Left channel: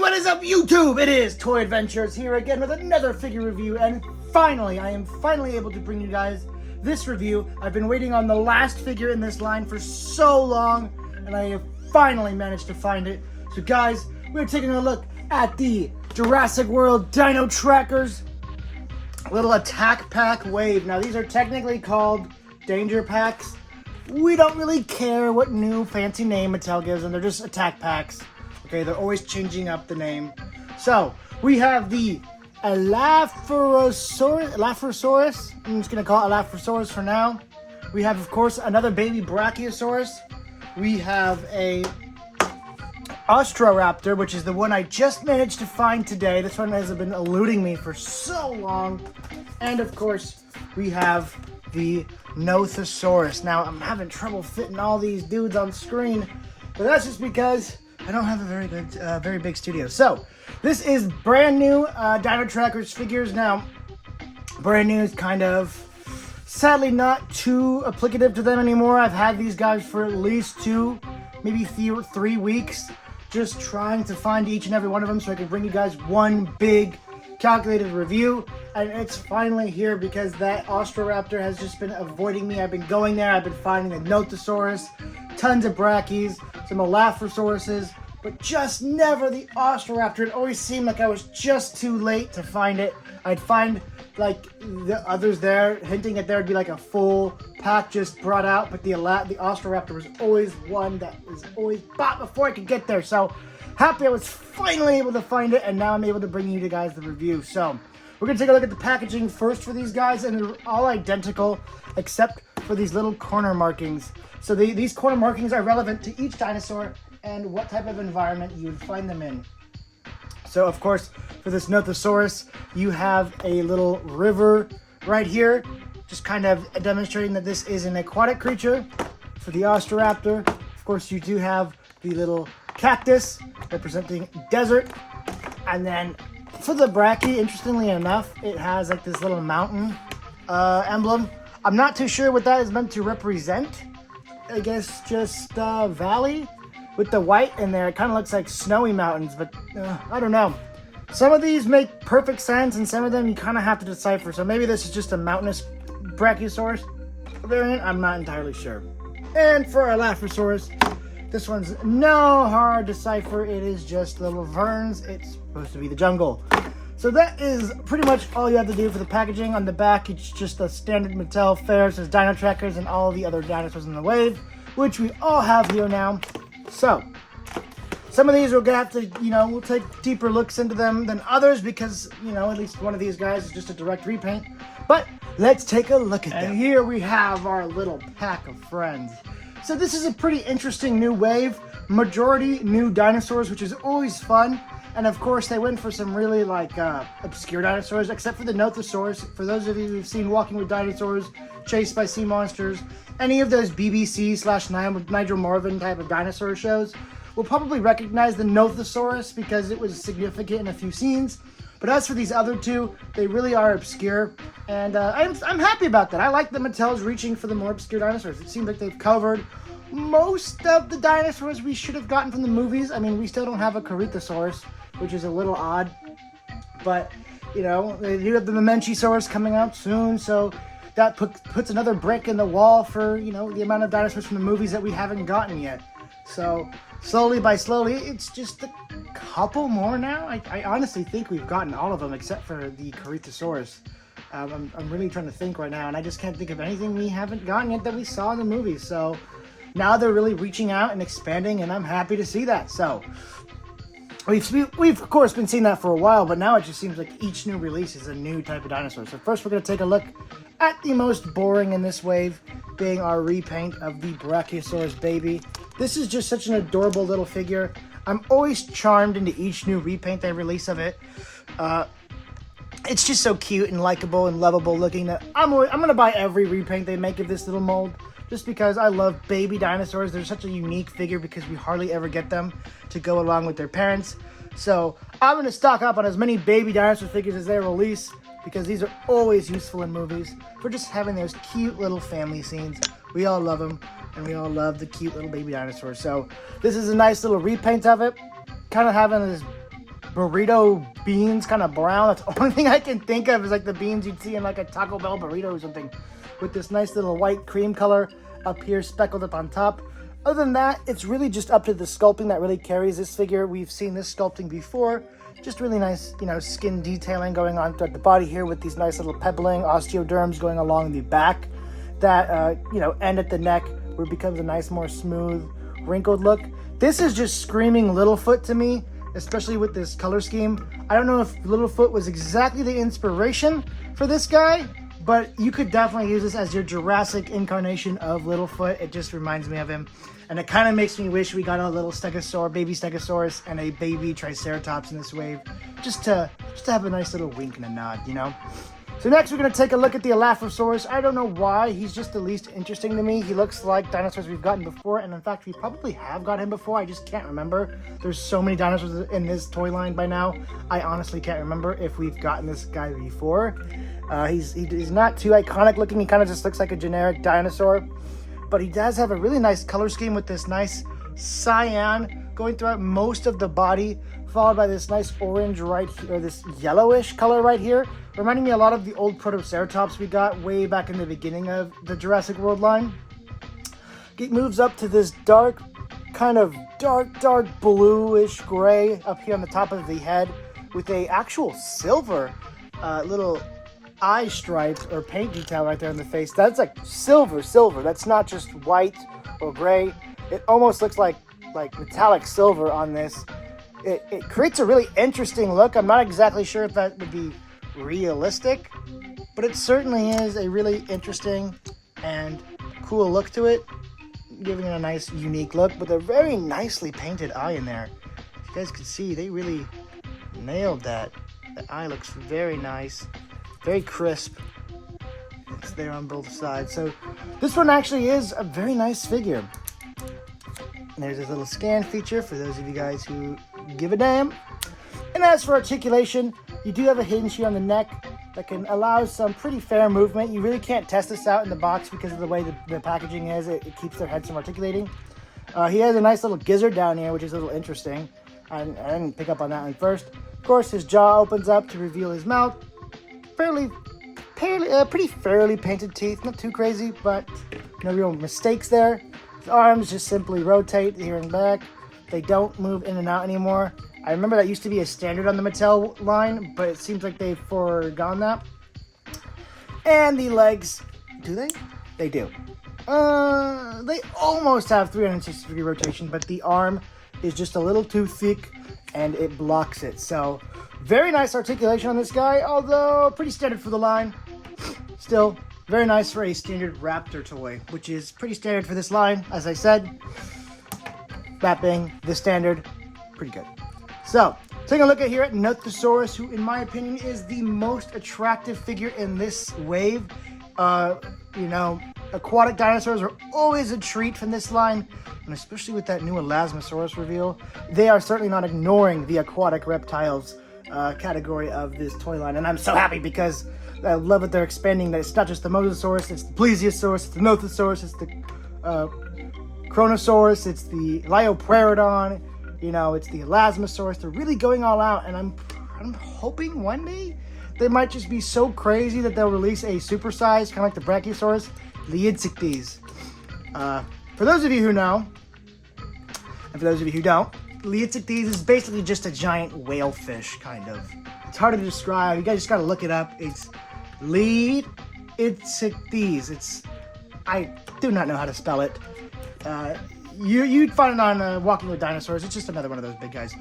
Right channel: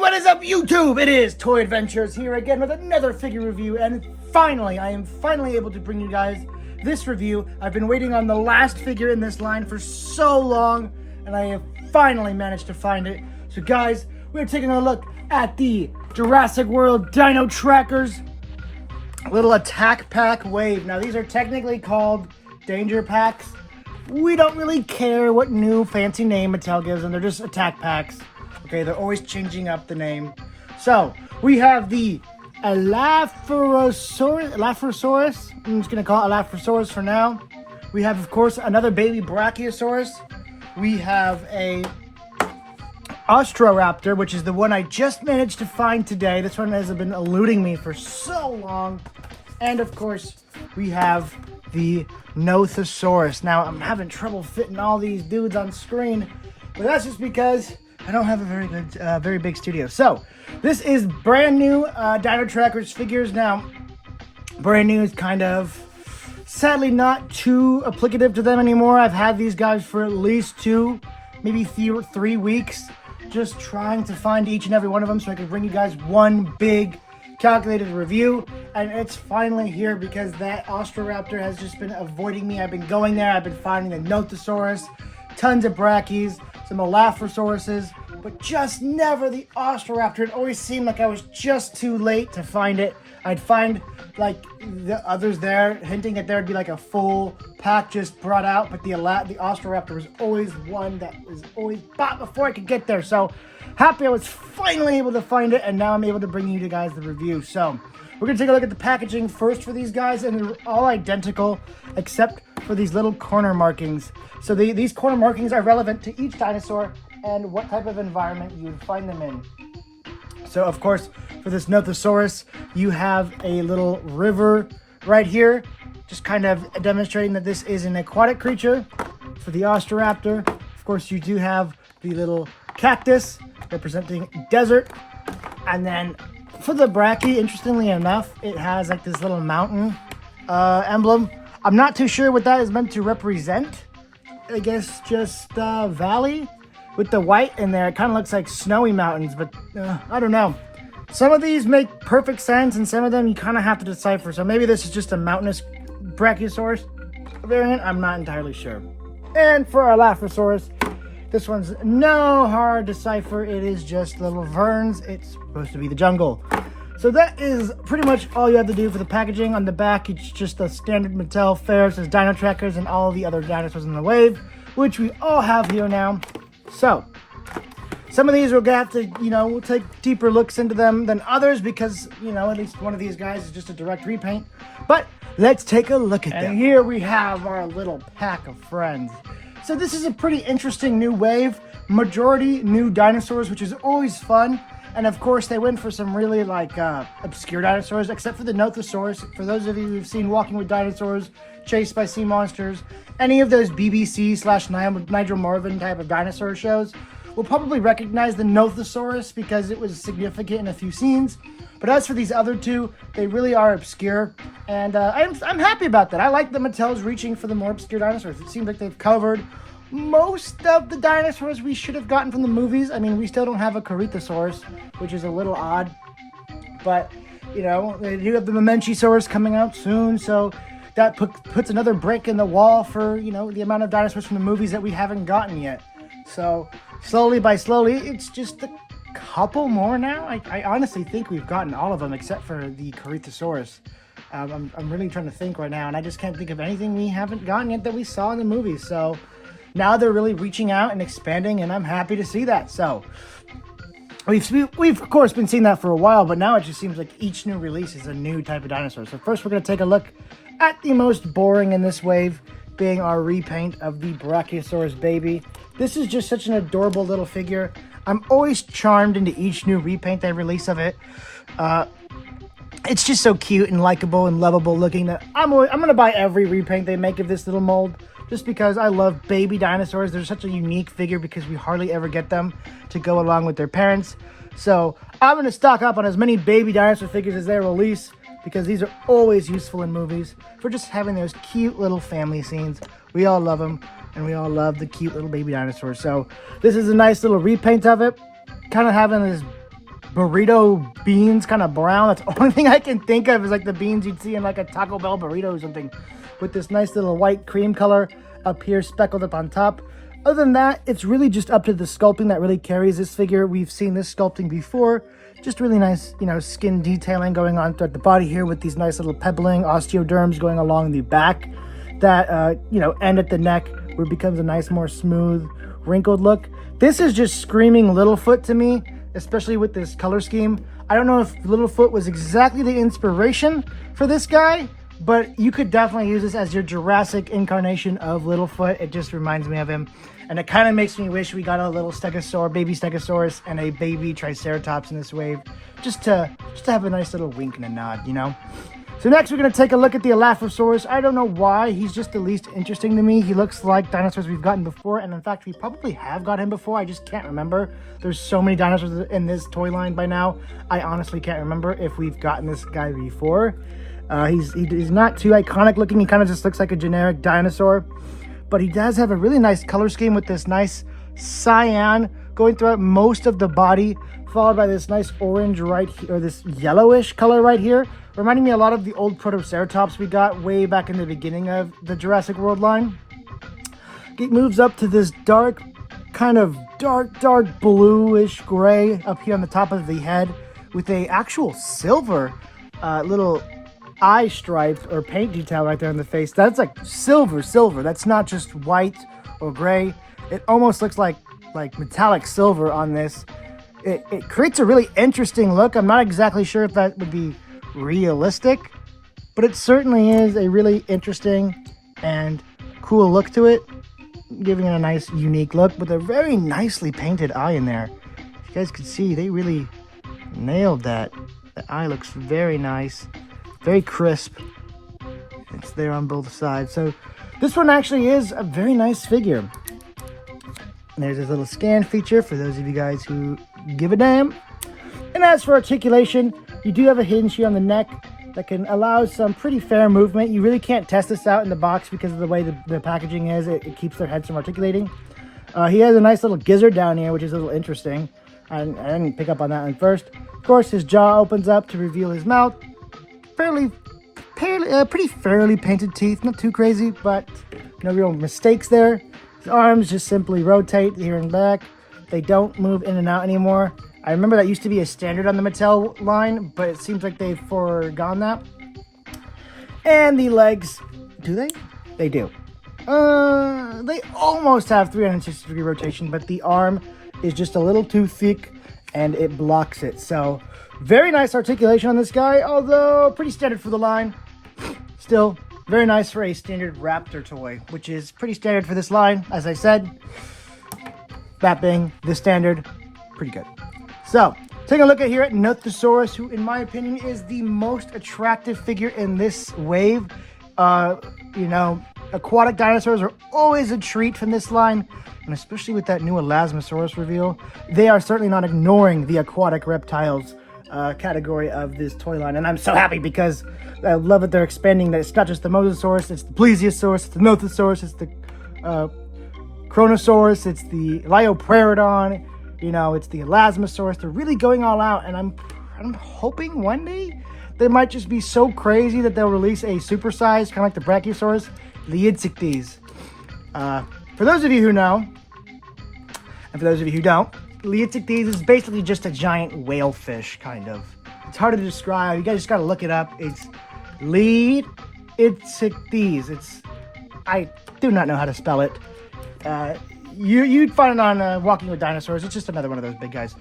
what is up YouTube? It is Toy Adventures here again with another figure review, and finally, I am finally able to bring you guys this review. I've been waiting on the last figure in this line for so long, and I have finally managed to find it. So guys, we're taking a look at the Jurassic World Dino Trackers little attack pack wave. Now these are technically called danger packs. We don't really care what new fancy name Mattel gives them, they're just attack packs. Okay, they're always changing up the name. So, we have the Elaphrosaurus. I'm just going to call it Elaphrosaurus for now. We have, of course, another baby brachiosaurus. We have a Ostro Raptor, which is the one I just managed to find today. This one has been eluding me for so long. And, of course, we have the Nothosaurus. Now, I'm having trouble fitting all these dudes on screen, but that's just because I don't have a very big studio. So, this is brand new Dino Trackers figures. Now, brand new is kind of, sadly, not too applicative to them anymore. I've had these guys for at least 2, maybe 3 weeks, just trying to find each and every one of them so I can bring you guys one big calculated review. And it's finally here because that Austroraptor has just been avoiding me. I've been going there, I've been finding the Nothosaurus, tons of brachies, some Elaphrosaurus, but just never the Austroraptor. It always seemed like I was just too late to find it. I'd find like the others there hinting that there'd be like a full pack just brought out, but the Austroraptor was always one that was always bought before I could get there. So happy I was finally able to find it, and now I'm able to bring you guys the review. So we're gonna take a look at the packaging first for these guys, and they're all identical except for these little corner markings. So these corner markings are relevant to each dinosaur and what type of environment you would find them in. So of course, for this Nothosaurus, you have a little river right here, just kind of demonstrating that this is an aquatic creature. For the Austroraptor, of course, you do have the little cactus representing desert. And then for the brachii, interestingly enough, it has like this little mountain emblem. I'm not too sure what that is meant to represent. I guess just valley with the white in there. It kind of looks like snowy mountains, but I don't know. Some of these make perfect sense, and some of them you kind of have to decipher. So maybe this is just a mountainous brachiosaurus variant. I'm not entirely sure. And for our Elaphrosaurus, this one's no hard decipher. It is just little verns. It's supposed to be the jungle. So that is pretty much all you have to do for the packaging. On the back, it's just a standard Mattel fare. It says Dino Trackers and all the other dinosaurs in the wave, which we all have here now. So, some of these we'll have to, we'll take deeper looks into them than others because, at least one of these guys is just a direct repaint. But let's take a look at them. And here we have our little pack of friends. So this is a pretty interesting new wave. Majority new dinosaurs, which is always fun. And of course, they went for some really obscure dinosaurs, except for the Nothosaurus. For those of you who've seen Walking with Dinosaurs, Chased by Sea Monsters, any of those BBC/Nigel Marven type of dinosaur shows, will probably recognize the Nothosaurus because it was significant in a few scenes. But as for these other two, they really are obscure, and I'm happy about that. I like that Mattel's reaching for the more obscure dinosaurs. It seems like they've covered most of the dinosaurs we should have gotten from the movies. I mean, we still don't have a Corythosaurus, which is a little odd, but they do have the Mamenchisaurus coming out soon, so that puts another brick in the wall for the amount of dinosaurs from the movies that we haven't gotten yet. So slowly by slowly, it's just a couple more now. I honestly think we've gotten all of them except for the Corythosaurus. I'm really trying to think right now, and I just can't think of anything we haven't gotten yet that we saw in the movies. So now they're really reaching out and expanding, and I'm happy to see that. So we've of course been seeing that for a while, but now it just seems like each new release is a new type of dinosaur. So first we're going to take a look at the most boring in this wave, being our repaint of the Brachiosaurus baby. This is just such an adorable little figure. I'm always charmed into each new repaint they release of it. It's just so cute and likable and lovable looking that I'm going to buy every repaint they make of this little mold, just because I love baby dinosaurs. They're such a unique figure because we hardly ever get them to go along with their parents. So I'm going to stock up on as many baby dinosaur figures as they release, because these are always useful in movies for just having those cute little family scenes. We all love them, and we all love the cute little baby dinosaurs. So this is a nice little repaint of it, kind of having this burrito beans, kind of brown. That's the only thing I can think of is like the beans you'd see in like a Taco Bell burrito or something, with this nice little white cream color up here speckled up on top. Other than that, it's really just up to the sculpting that really carries this figure. We've seen this sculpting before. Just really nice, you know, skin detailing going on throughout the body here with these nice little pebbling osteoderms going along the back that, you know, end at the neck where it becomes a nice, more smooth, wrinkled look. This is just screaming Littlefoot to me, especially with this color scheme. I don't know if Littlefoot was exactly the inspiration for this guy, but you could definitely use this as your Jurassic incarnation of Littlefoot. It just reminds me of him. And it kind of makes me wish we got a little stegosaurus, baby stegosaurus, and a baby triceratops in this wave, just to have a nice little wink and a nod, you know? So next we're going to take a look at the Elaphrosaurus. I don't know why, he's just the least interesting to me. He looks like dinosaurs we've gotten before, and in fact we probably have got him before, I just can't remember. There's so many dinosaurs in this toy line by now, I honestly can't remember if we've gotten this guy before. He's not too iconic looking, he kind of just looks like a generic dinosaur, but he does have a really nice color scheme with this nice cyan going throughout most of the body, followed by this nice orange right here, or this yellowish color right here, reminding me a lot of the old Protoceratops we got way back in the beginning of the Jurassic World line. It moves up to this dark, kind of dark bluish gray up here on the top of the head with a actual silver little eye stripes or paint detail right there in the face. That's like silver. That's not just white or gray. It almost looks like metallic silver on this. It creates a really interesting look. I'm not exactly sure if that would be realistic, but it certainly is a really interesting and cool look to it, giving it a nice unique look with a very nicely painted eye in there. You guys can see they really nailed that. The eye looks very nice, very crisp. It's there on both sides. So this one actually is a very nice figure. And there's this little scan feature for those of you guys who give a damn. And as for articulation, you do have a hinge here on the neck that can allow some pretty fair movement. You really can't test this out in the box because of the way the packaging is. It keeps their heads from articulating. He has a nice little gizzard down here, which is a little interesting. And I didn't pick up on that one first. Of course, his jaw opens up to reveal his mouth. Pretty fairly painted teeth, not too crazy, but no real mistakes there. His arms just simply rotate here and back. They don't move in and out anymore. I remember that used to be a standard on the Mattel line, but it seems like they've forgone that. And the legs, do they? They do. They almost have 360-degree rotation, but the arm is just a little too thick and it blocks it. So very nice articulation on this guy, although pretty standard for the line. Still very nice for a standard Raptor toy, which is pretty standard for this line, as I said. That being the standard, pretty good. So, take a look at here at Nothosaurus, who in my opinion is the most attractive figure in this wave. You know, aquatic dinosaurs are always a treat from this line, and especially with that new Elaphrosaurus reveal, they are certainly not ignoring the aquatic reptiles category of this toy line. And I'm so happy because I love that they're expanding that. It's not just the Mosasaurus, it's the Plesiosaurus, it's the Nothosaurus, it's the Chronosaurus, it's the Lioprairodon, you know, it's the Elasmosaurus. They're really going all out, and I'm hoping one day they might just be so crazy that they'll release a supersized, kind of like the Brachiosaurus, Liitzictes. For those of you who know, and for those of you who don't, Liitzictes is basically just a giant whale fish, kind of. It's hard to describe. You guys just gotta look it up. It's Liitzictes. I do not know how to spell it. You'd find it on Walking with Dinosaurs. It's just another one of those big guys.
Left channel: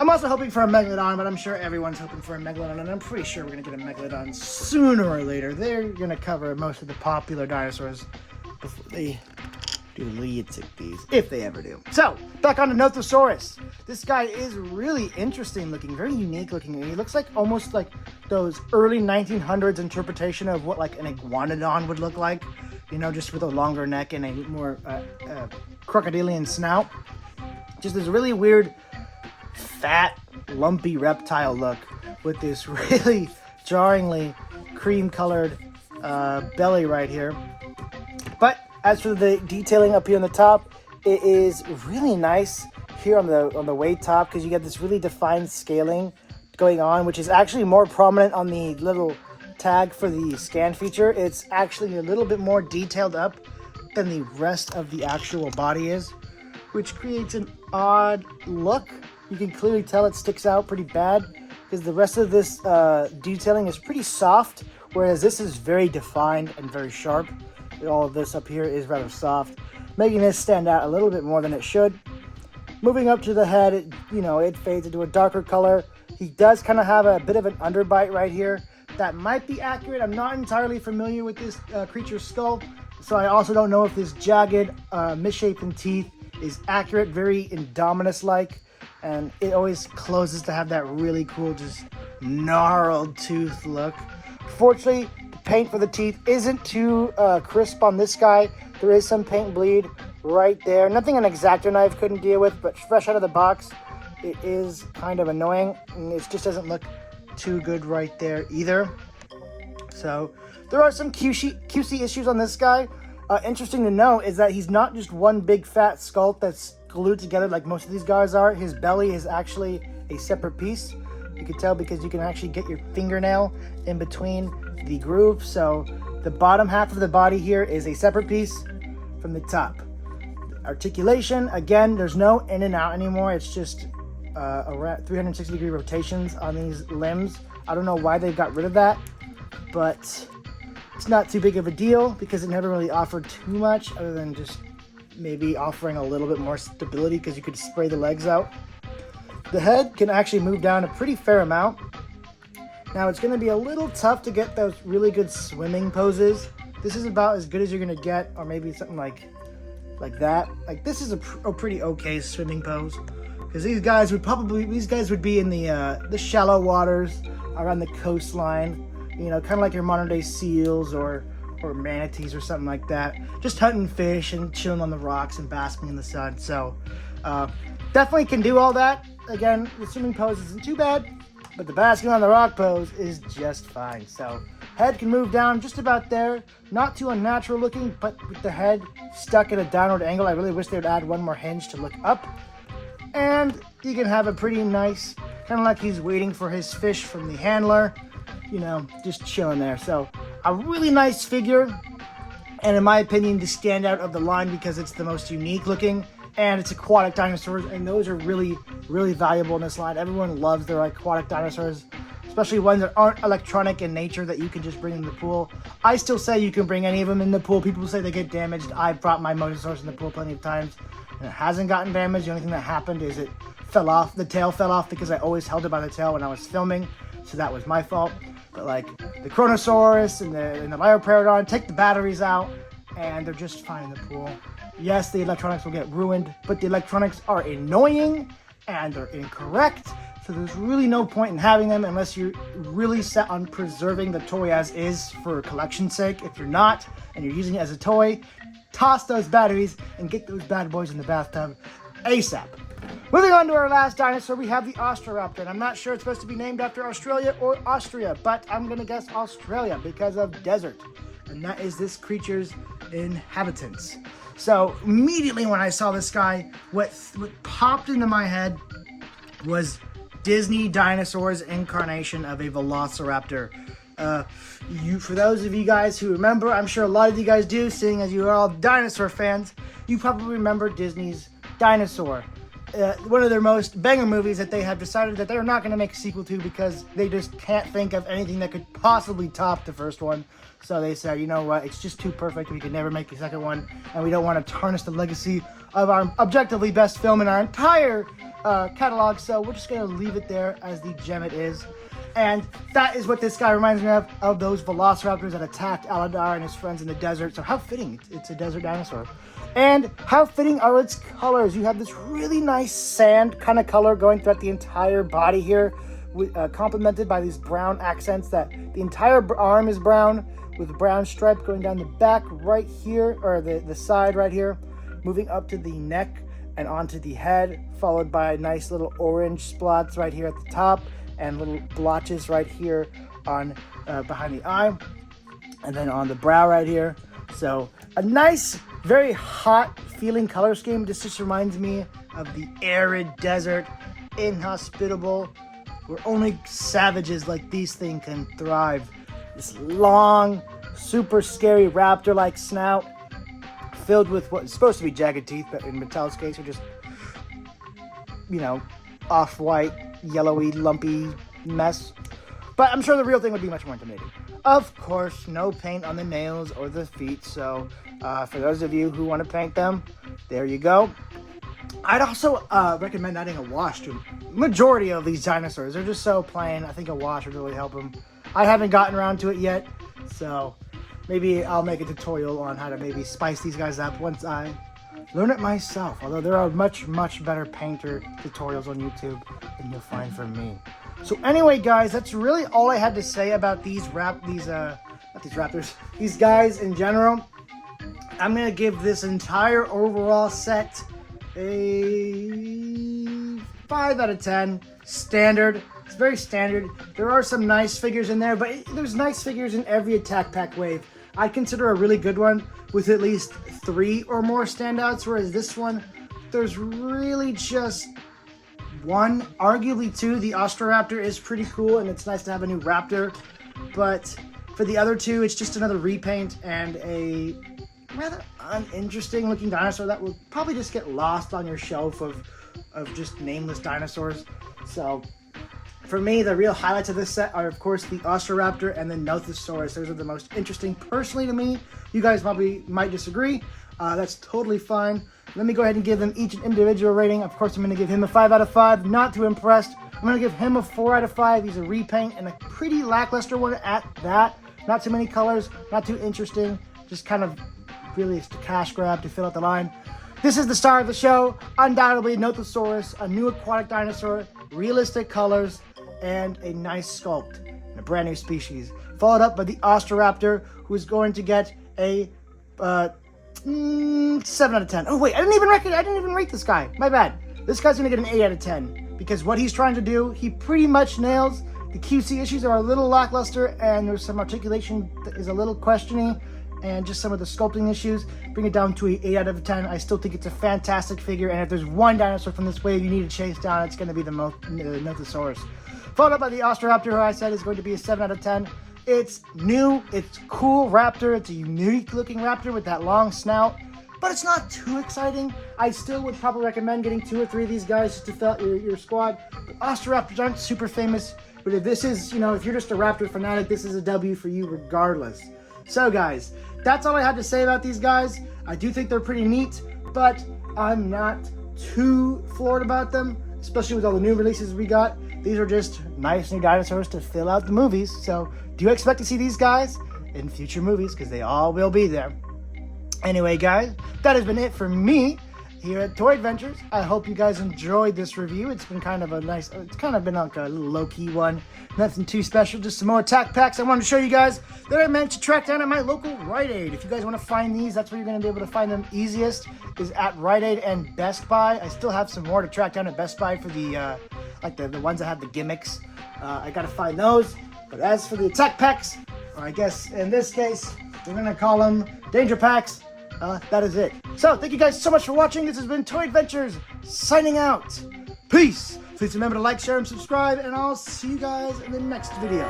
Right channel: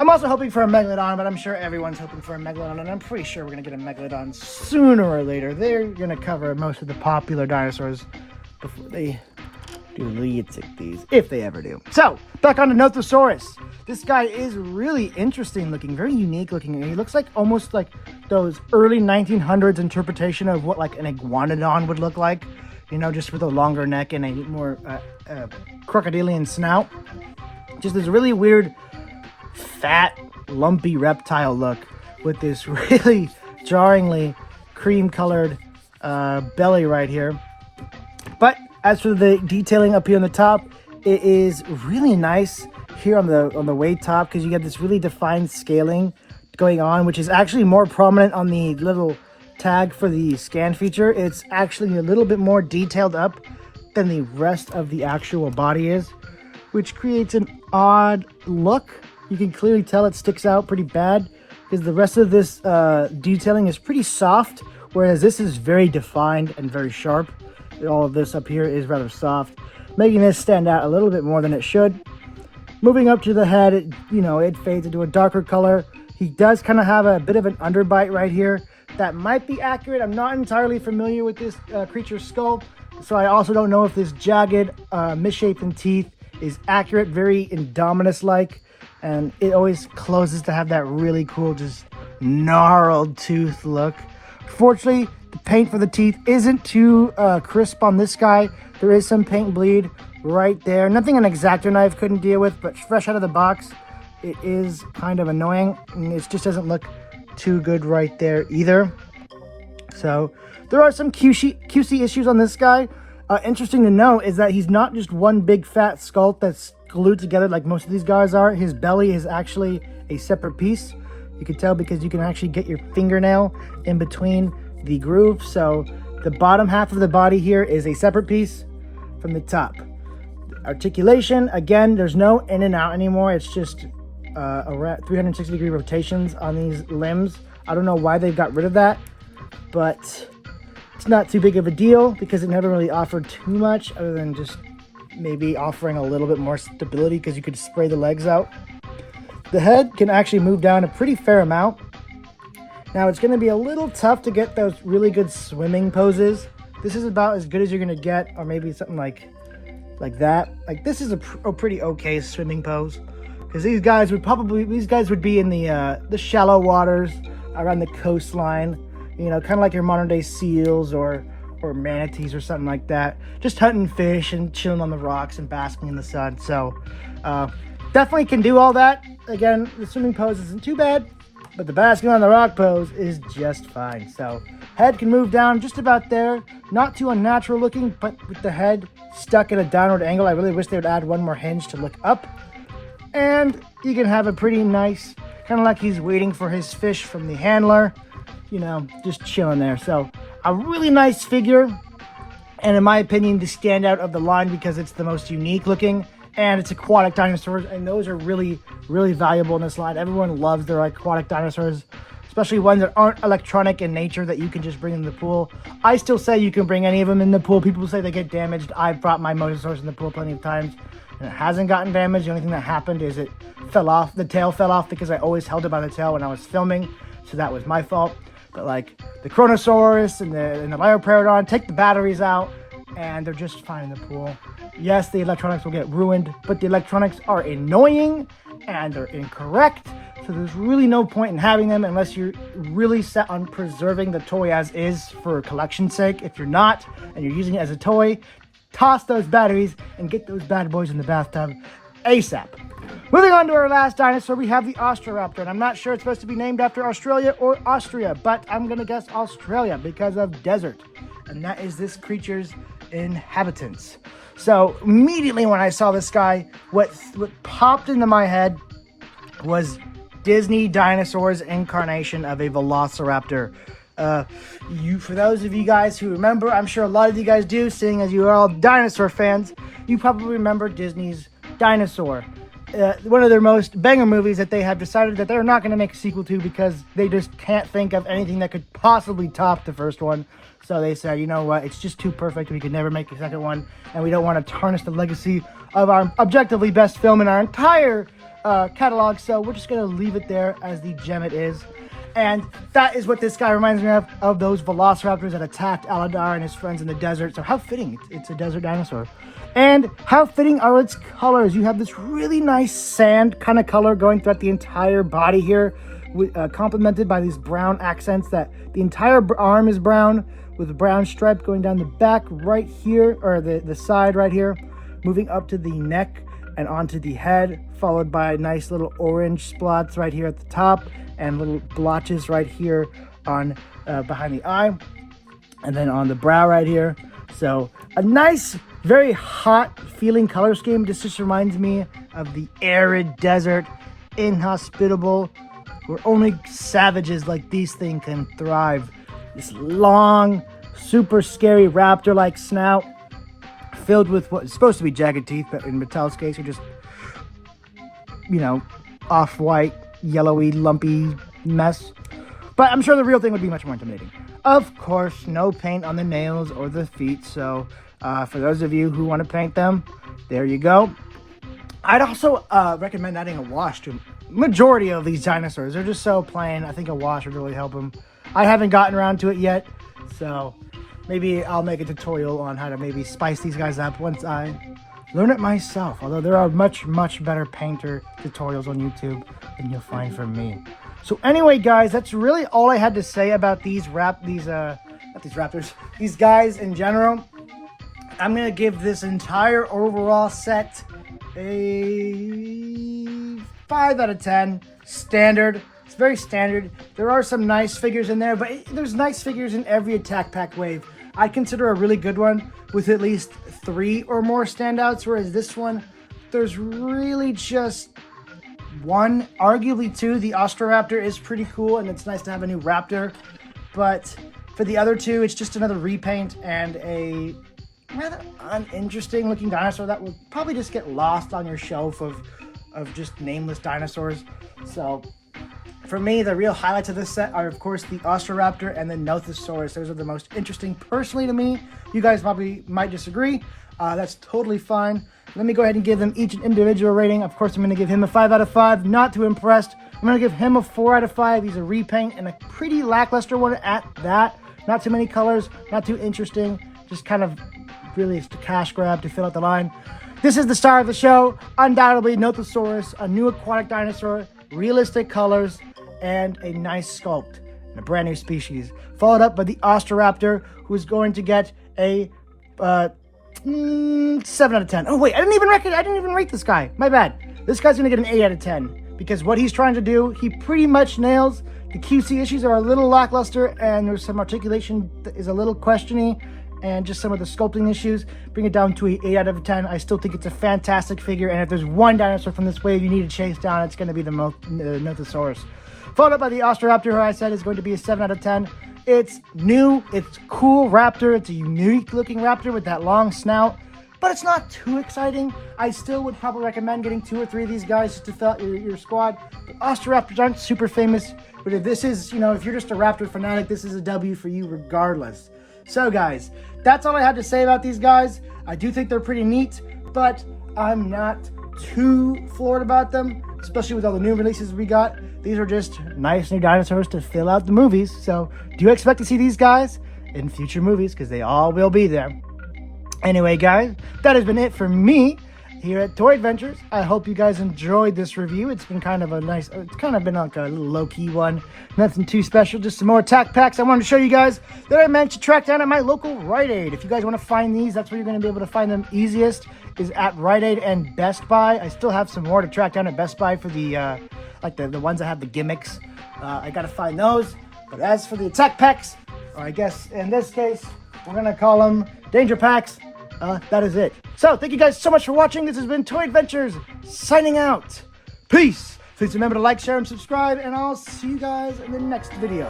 I'm also hoping for a Megalodon, but I'm sure everyone's hoping for a Megalodon, and I'm pretty sure we're going to get a Megalodon sooner or later. They're going to cover most of the popular dinosaurs before they do Liitzictes, if they ever do. So, back on to Nothosaurus. This guy is really interesting looking, very unique looking, and he looks like almost like those early 1900s interpretation of what like an iguanodon would look like, you know, just with a longer neck and a more crocodilian snout. Just this really weird, fat, lumpy reptile look with this really jarringly cream-colored belly right here. But as for the detailing up here on the top, It is really nice here on the way top because you get this really defined scaling going on, which is actually more prominent on the little tag for the scan feature. It's actually a little bit more detailed up than the rest of the actual body is, which creates an odd look. You can clearly tell it sticks out pretty bad because the rest of this detailing is pretty soft, whereas this is very defined and very sharp. All of this up here is rather soft, making this stand out a little bit more than it should. Moving up to the head, it fades into a darker color. He does kind of have a bit of an underbite right here. That might be accurate. I'm not entirely familiar with this creature's skull, so I also don't know if this jagged, misshapen teeth is accurate, very Indominus-like, and it always closes to have that really cool, just gnarled tooth look. Fortunately, the paint for the teeth isn't too crisp on this guy. There is some paint bleed right there. Nothing an X-Acto knife couldn't deal with, but fresh out of the box, it is kind of annoying. And it just doesn't look too good right there either. So there are some QC issues on this guy. Interesting to know is that he's not just one big fat sculpt that's glued together like most of these guys are. His belly is actually a separate piece. You can tell because you can actually get your fingernail in between the groove. So the bottom half of the body here is a separate piece from the top. Articulation, again, there's no in and out anymore. It's just around 360-degree rotations on these limbs. I don't know why they got rid of that, but it's not too big of a deal because it never really offered too much other than just maybe offering a little bit more stability because you could spray the legs out. The head can actually move down a pretty fair amount. Now it's going to be a little tough to get those really good swimming poses. This is about as good as you're going to get, or maybe something like that. Like this is a pretty okay swimming pose because these guys would be in the shallow waters around the coastline. Kind of like your modern day seals or manatees or something like that. Just hunting fish and chilling on the rocks and basking in the sun. So definitely can do all that. Again, the swimming pose isn't too bad, but the basking on the rock pose is just fine. So head can move down just about there. Not too unnatural looking, but with the head stuck at a downward angle. I really wish they would add one more hinge to look up. And you can have a pretty nice, kind of like he's waiting for his fish from the handler. Just chilling there. So a really nice figure, and in my opinion the standout of the line because it's the most unique looking, and it's aquatic dinosaurs, and those are really valuable in this line. Everyone loves their aquatic dinosaurs, especially ones that aren't electronic in nature that you can just bring in the pool. I still say you can bring any of them in the pool. People say they get damaged. I've brought my Mosasaurus in the pool plenty of times and it hasn't gotten damaged. The only thing that happened is it fell off. The tail fell off because I always held it by the tail when I was filming, so that was my fault. But like the Chronosaurus and the Elaphrosaurus, take the batteries out and they're just fine in the pool. Yes, the electronics will get ruined, but the electronics are annoying and they're incorrect. So there's really no point in having them unless you're really set on preserving the toy as is for collection's sake. If you're not and you're using it as a toy, toss those batteries and get those bad boys in the bathtub ASAP. Moving on to our last dinosaur, we have the Ostro-Raptor, and I'm not sure it's supposed to be named after Australia or Austria, but I'm going to guess Australia because of desert, and that is this creature's inhabitants. So immediately when I saw this guy, what popped into my head was Disney Dinosaurs incarnation of a Velociraptor. For those of you guys who remember, I'm sure a lot of you guys do, seeing as you are all dinosaur fans, you probably remember Disney's Dinosaur. One of their most banger movies that they have decided that they're not going to make a sequel to because they just can't think of anything that could possibly top the first one. So they said, you know what, it's just too perfect. We could never make a second one, and we don't want to tarnish the legacy of our objectively best film in our entire catalog. So we're just going to leave it there as the gem it is. And that is what this guy reminds me of those velociraptors that attacked Aladar and his friends in the desert. So how fitting, it's a desert dinosaur. And how fitting are its colors. You have this really nice sand kind of color going throughout the entire body here, complemented by these brown accents. That the entire arm is brown with a brown stripe going down the back right here, or the side right here, moving up to the neck and onto the head, followed by nice little orange spots right here at the top and little blotches right here on behind the eye, and then on the brow right here. So a nice, very hot feeling color scheme. This just reminds me of the arid desert, inhospitable, where only savages like these things can thrive. This long, super scary raptor-like snout, filled with what is supposed to be jagged teeth, but in Mattel's case are just, you know, off-white, yellowy, lumpy mess. But I'm sure the real thing would be much more intimidating. Of course, no paint on the nails or the feet, so for those of you who want to paint them, there you go. I'd also recommend adding a wash to majority of these dinosaurs. They're just so plain. I think a wash would really help them. I haven't gotten around to it yet, so maybe I'll make a tutorial on how to maybe spice these guys up once I learn it myself. Although there are much better painter tutorials on YouTube than you'll find from me. So anyway, guys, that's really all I had to say about these guys in general. I'm gonna give this entire overall set a 5 out of 10. Standard. It's very standard. There are some nice figures in there, but there's nice figures in every Attack Pack wave. I consider a really good one with at least 3 or more standouts, whereas this one, there's really just 1, arguably 2. The Austroraptor is pretty cool, and it's nice to have a new raptor, but for the other 2, it's just another repaint and a rather uninteresting looking dinosaur that will probably just get lost on your shelf of just nameless dinosaurs. So for me, the real highlights of this set are, of course, the Austroraptor and the Nothosaurus. Those are the most interesting personally to me. You guys probably might disagree. That's totally fine. Let me go ahead and give them each an individual rating. Of course, I'm going to give him a 5 out of 5. Not too impressed. I'm going to give him a 4 out of 5. He's a repaint and a pretty lackluster one at that. Not too many colors. Not too interesting. Just kind of really a cash grab to fill out the line. This is the star of the show. Undoubtedly, Nothosaurus, a new aquatic dinosaur, realistic colors, and a nice sculpt. A brand new species. Followed up by the Austroraptor, who is going to get a 7 out of 10. Oh wait, I didn't even rate this guy. My bad. This guy's gonna get an 8 out of 10 because what he's trying to do, he pretty much nails. The QC issues are a little lackluster, and there's some articulation that is a little questioning, and just some of the sculpting issues. Bring it down to an 8 out of 10. I still think it's a fantastic figure, and if there's one dinosaur from this wave you need to chase down, it's going to be the Nothosaurus. Followed up by the Ostro Raptor, who I said is going to be a 7 out of 10. It's new, it's cool raptor, it's a unique looking raptor with that long snout, but it's not too exciting. I still would probably recommend getting 2 or 3 of these guys to fill out your squad. The Austroraptors aren't super famous, but if this is, you know, if you're just a raptor fanatic, this is a W for you regardless. So guys, that's all I have to say about these guys. I do think they're pretty neat, but I'm not too floored about them, especially with all the new releases we got. These are just nice new dinosaurs to fill out the movies. So do you expect to see these guys in future movies? Because they all will be there. Anyway, guys, that has been it for me here at Toy Adventures. I hope you guys enjoyed this review. It's been kind of a nice, it's kind of been like a little low-key one. Nothing too special, just some more Attack Packs I wanted to show you guys that I managed to track down at my local Rite Aid. If you guys want to find these, that's where you're going to be able to find them easiest, is at Rite Aid and Best Buy. I still have some more to track down at Best Buy for the, like the ones that have the gimmicks. I got to find those. But as for the Attack Packs, or I guess in this case, we're going to call them Danger Packs. That is it. So, thank you guys so much for watching. This has been Toy Adventures, signing out. Peace. Please remember to like, share, and subscribe, and I'll see you guys in the next video.